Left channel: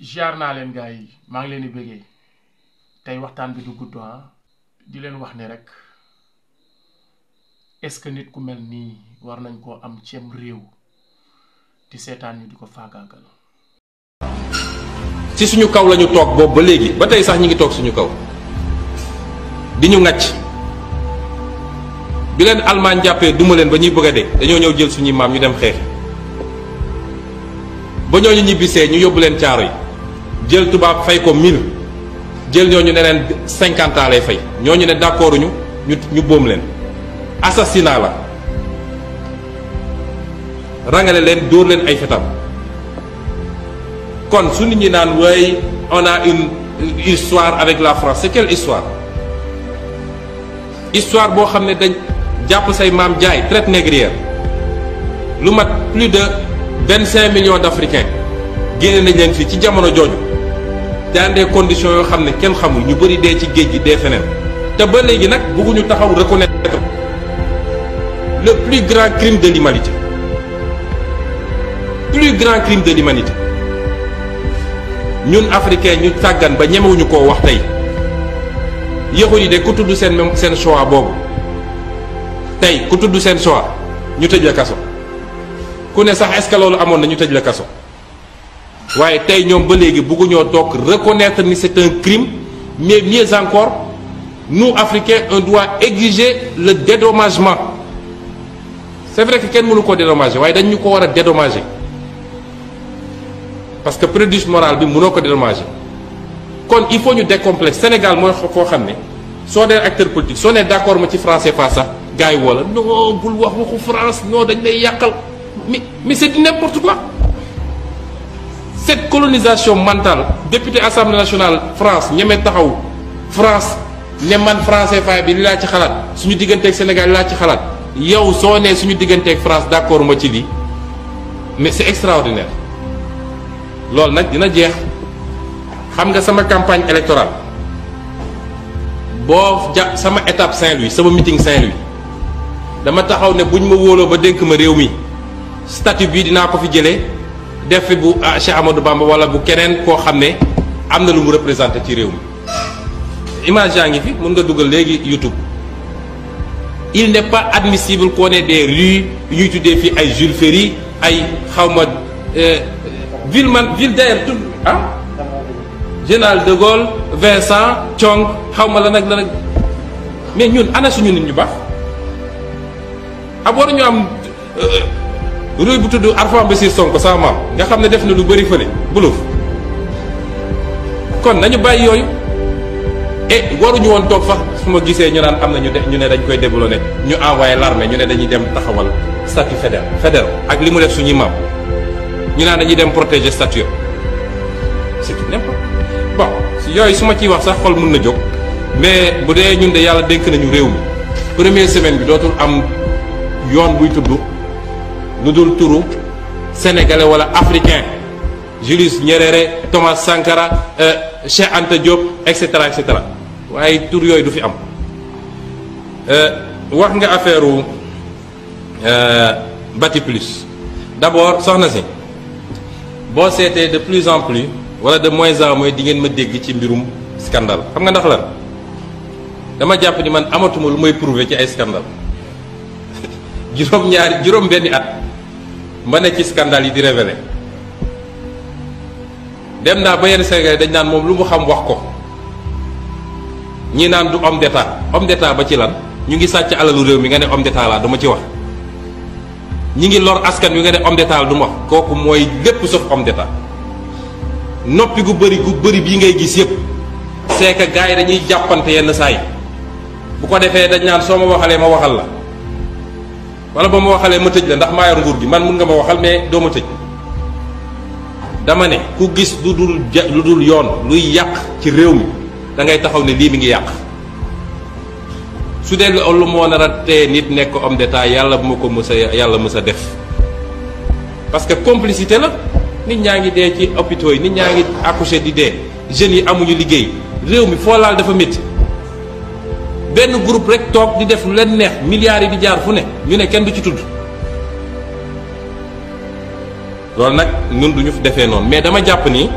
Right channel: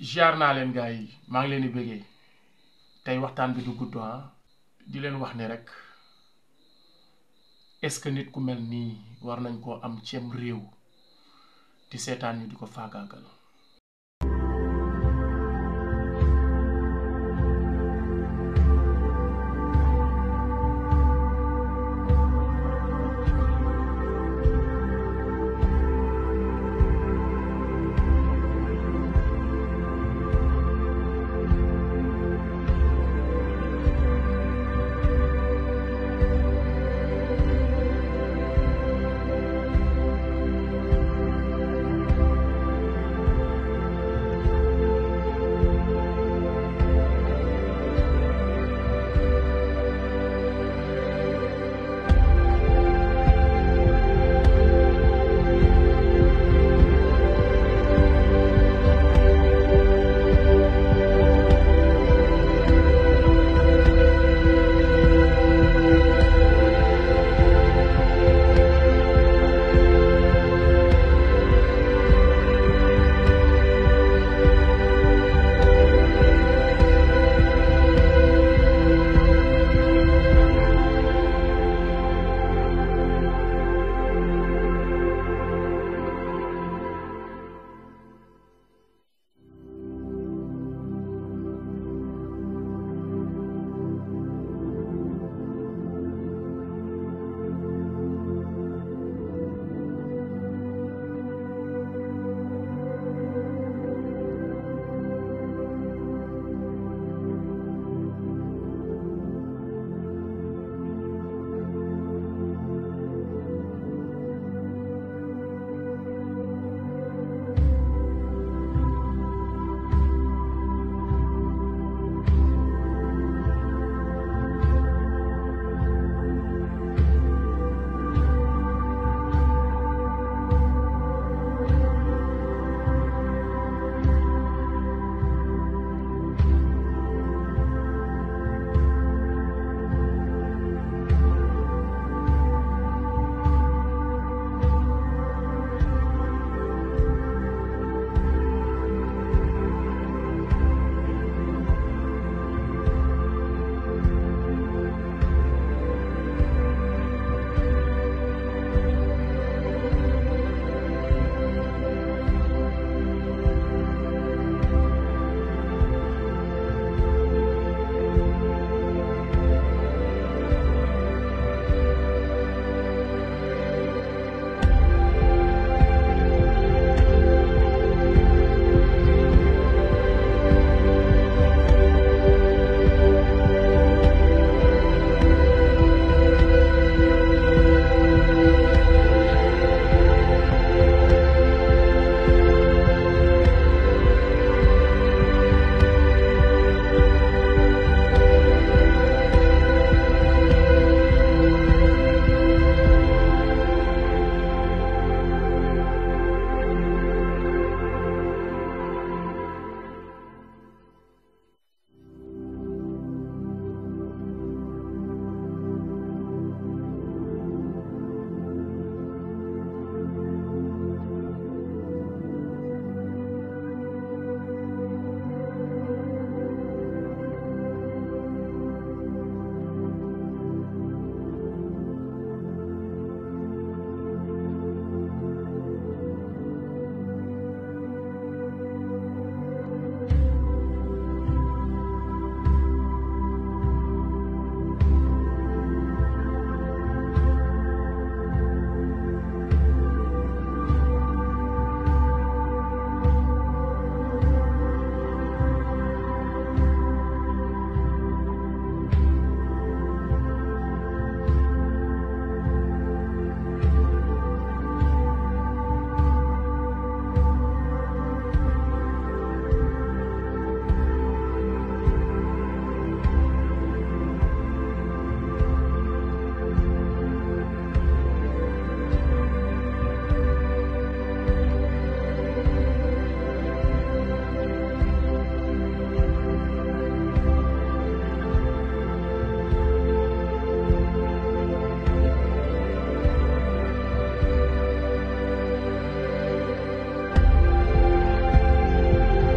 jaar naa leen gars yi maa ngi leen di bëggee tey waxtaan bi du gudd di leen wax ne rek est-ce que nit ku mel nii war nañ koo am cem réew di seetaan ñu di ko faagaagal. ci suñu kaw lañu toog boobu ba léegi ba tey sax ñi ngi toog suñu kaw di ñu ŋàcc bi leen Allemagne jàppee duma leen ba ñuy bëgg a dee dañoo ñëw jël suñuy maam ñu dem xeex ba ñooñu ñibbisee ñu yóbbu leen caaro yi jël tubaab fay ko 1000 jël ñooñu ne leen 50 ans lay fay ñooñu ne d'accord ñu boom leen assassinat la rangale leen dóor leen ay fetal kon su nit ñi naan way on a une histoire avec la France c'est quelle histoire boo xam ne dañ jàpp say maam jaay traite négrière lu mat plus de 25 millions d'Africains génne nañ leen fii ci jamono jooju dans des conditions yoo xam ne kenn xamul ñu bëri dee ci géej gi dee feneen te ba léegi nag bëgguñu taxaw reconnaître le plus grand crime de l'humanité ñun africain ñu tàggan ba ñemewuñu koo wax tey yëxu yi de ku tudd seen choix boobu tey ku tudd seen choix ñu tëj la kaso ku ne sax est-ce que loolu amoon na ñu tëj la kaso waaye tey ñoom ba léegi bëgguñoo toog reconnaître ni c'est un crime mais mieux encore nous africains on doit exiger le dédommagement c'est vrai que kenn mënu ko dédommager waaye dañ ñu ko war a dédommager parce que préjudice moral bi mënoo ko dédommager kon il faut ñu décomplexer Sénégal mooy foo xam ne soo dee acteur politique soo nee d'accord ma ci français pas sax gars yi wala non bul wax waxu France non dañ lay yàqal mais c'est du n'importe quoi cette colonisation mentale député assemblée nationale France ñeme taxaw France ne man français fay bi li laa ci xalaat suñu digganteeg Sénégal li laa ci xalaat yow soo nee suñu digganteeg France d'accord ma ci lii mais c'est extraordinaire loolu nag dina jeex xam nga sama campagne électorale boo sama étape Saint-Louis sama meeting Saint-Louis dama taxaw ne buñ ma wóoloo ba dénk ma réew mi statut bii dinaa ko fi jëlee def fi bu Cheikh Amadou Bamba wala bu keneen koo xam ne am na lu mu représenté ci réew mi image yaa ngi fi mun nga dugal léegi YouTube il n'est pas admissible qu'on ait des rues yu ñuy tuddee fii ay Jules Ferry ay xawma ville d'ailleurs tout Général de Gaulle Vincent Thiong xawma la nag mais ñun ana suñu nit ñu baax war ñu am rue bu tudd Arfan Bassir Sonko sama maam nga xam ne def na lu bëri fële buluf kon nañu bàyyi yooyu et waruñu woon toog sax su ma gisee ñu naan am na ñu ne dañ koy développé ñu envoyé l'armée ñu ne dañuy dem taxawal statut fédéral ak li mu def suñuy maam ñu naan dañuy dem protéger statut c'est tout n'importe bon si yooyu su ma ciy wax sax xol mën na jóg mais bu dee ñun de yàlla dénk nañu réew mi première semaine bi dootul am yoon buy tudd lu dul turu sénégalais wala africain Julius Nyerere Thomas Sankara Cheikh Anta Diop et cetera waaye tur yooyu du fi am wax nga affaire Bati Plus d'abord soxna si boo seetee de plus en plus wala de moins en moins di ngeen ma dégg ci mbirum scandale xam nga ndax la dama jàpp ni man amatuma lu may prouver ci ay scandale juróom benni at ma ne ci scandale yi di révéler dem naa ba yenn Sénégalais dañ naan moom lu mu xam wax ko ñii naan du homme d'état ba ci lan ñu ngi sàcc alalu réew mi nga ne homme d'état laa duma ci wax ñi ngi lor askan wi nga ne homme d'état la du ma wax kooku mooy lépp sauf homme d'état noppi gu bëri bii ngay gis yëpp c'est que gars yi dañuy jàppante yenn saa yi bu ko defee dañ naan soo ma waxalee ma waxal la wala ba ma waxalee ma tëj la ndax maa yor nguur gi man mun nga ma waxal mais doo ma tëj dama ne ku gis lu dul yoon luy yàq ci réew mi da ngay taxaw ne lii mi ngi yàq su dee lu moo nar a tee nit nekk homme d'état yàlla bu ma ko mës a def parce que complicité la nit ñaa ngi dee ci hôpitaux yi nit ñaa ngi accouché di dee jeunes yi amuñu liggéey réew mi foo laal dafa métti benn groupe rek toog di def lu leen neex milliards yi di jaar fu ne ñu ne kenn du ci tudd loolu nag ñun duñu fi defee noonu mais dama jàpp ni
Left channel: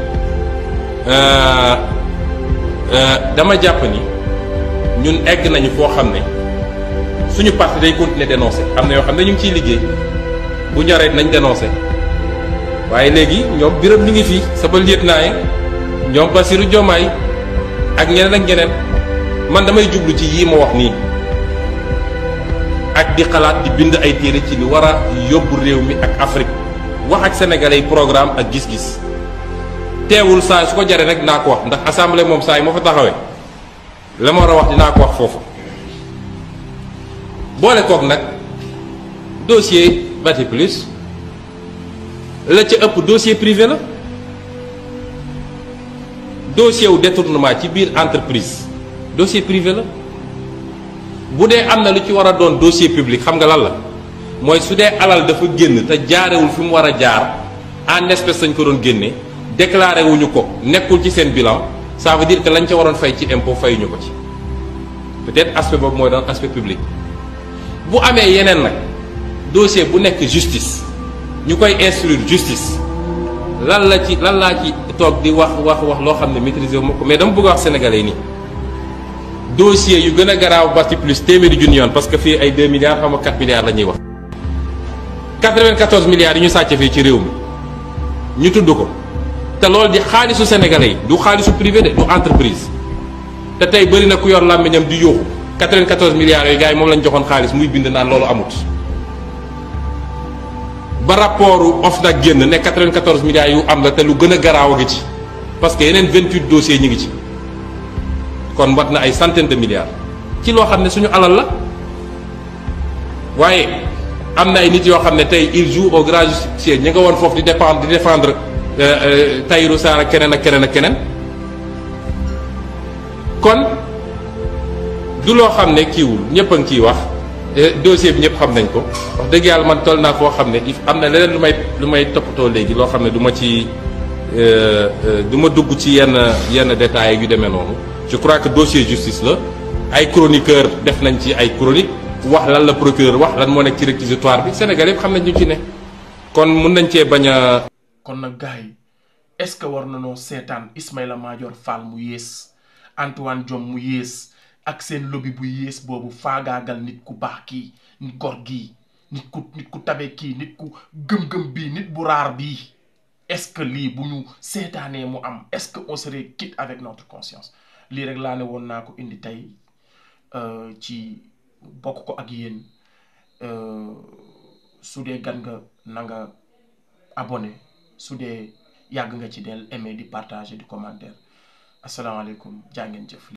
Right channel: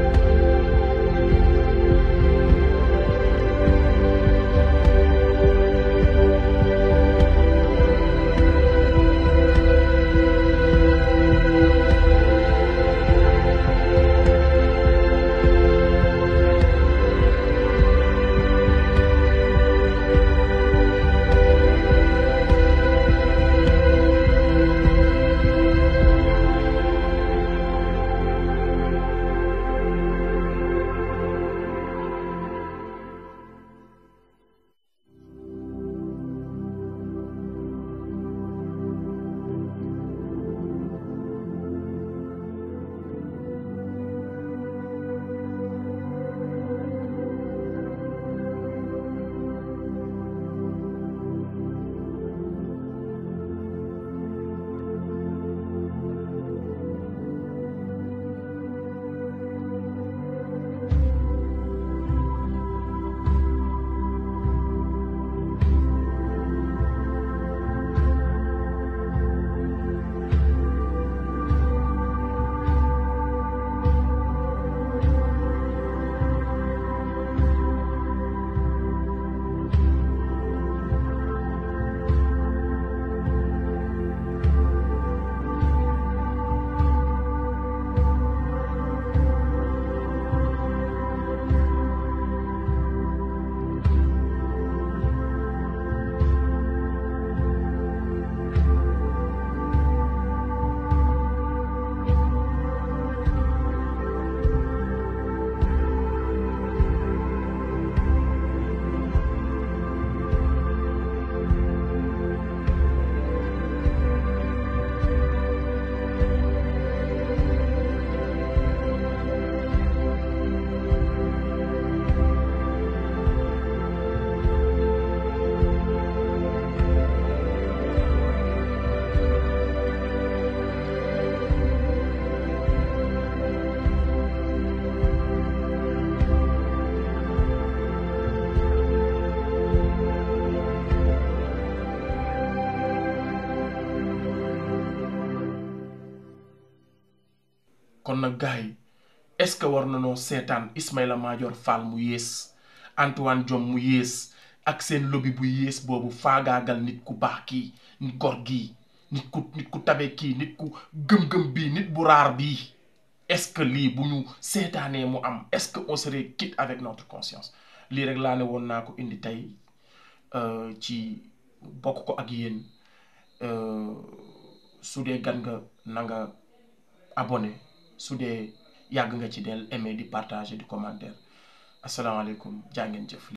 dama jàpp ni ñun egg nañu foo xam ne suñu parti day continuer dénoncer am na yoo xam ne ñu ngi ciy liggéey bu ñoree nañ dénoncer waaye léegi ñoom Birame ñu ngi fii sama lieutenant yi ñoom Bassirou Diomaye ak ñeneen ak ñeneen man damay jublu ci yii ma wax nii ak di xalaat di bind ay téere ci li war a yóbbu réew mi ak Afrique wax ak sénégalais yi programme ak gis-gis teewul saa su ko jaree rek naa ko wax ndax assemblée moom saa yi moo fa taxawee la ma war a wax dinaa ko wax foofu boole kook nag dossier Bati Plus la ca ëpp dossier privé la dossier wu détournement ci biir entreprise dossier privé la bu dee am na lu ci war a doon dossier public xam nga lan la mooy su dee alal dafa génn te jaarewul fi mu war a jaar en espèce lañ ko doon génne déclaré wuñu ko nekkul ci seen bilan ça veut dire que lañ ca waroon fay ci impôt fayuñu ko ci peut-être aspect boobu mooy doon aspect public bu amee yeneen nag dossier bu nekk justice ñu koy instruire justice lan laa ci toog di wax loo xam ne maîtriser wu ma ko mais dama bëgg a wax sénégalais yi nii dossier yu gën a garaaw Bati Plus téeméeri junni yoon parce que fii ay 2 milliards xam nga 4 milliards la ñuy wax 94 milliards yi ñu sàcc fii ci réew mi ñu tudd ko te loolu di xaalisu sénégalais yi du xaalisu privé de du entreprise te tey bëri na ku yor làmmiñam di yóoxu 94 milliards yooyu gars yi moom lañ joxoon xaalis muy bind naan loolu amut ba rapportu OFNAC génn ne 94 milliards yu am la te lu gën a garaaw a ngi ci parce que yeneen 28 dossiers ñu ngi ci kon wat na ay centaine de milliards ci loo xam ne suñu alal la waaye am na ay nit yoo xam ne tey il joue au grand justicier ñi nga woon foofu di défendre Tahirou Sarr ak keneen ak keneen ak keneen kon du loo xam ne kiiwul ñëpp a ngi ciy wax dossier bi ñëpp xam nañ ko wax dëgg yàlla man toll naa foo xam ne am na leneen lu may toppatoo léegi loo xam ne du ma ci du ma dugg ci yenn détails yu demee noonu je crois que dossier justice la ay chroniqueur def nañ ci ay chronique wax lan la procureur wax lan moo nekk ci réquisitoire bi Sénégal yëpp xam nañ ñu ci ne kon mun nañ cee bañ a. kon nag gars yi est-ce que war nanoo seetaan Ismaïla Madior Fall mu yées Antoine Diome mu yées ak seen lobby bu yées boobu faagaagal nit ku baax kii nit gor gii nit ku tabe kii nit ku gëm-gëm bii nit bu raar bii est-ce que lii bu ñu seetaanee mu am est-ce que on serait quitte avec notre conscience lii rek laa ne woon naa ko indi tey ci bokk ko ak yéen su dee gan nga na nga abonné su dee yàgg nga ci del aimer di partager di commentaire asalaamaaleykum jaa ngeen jëf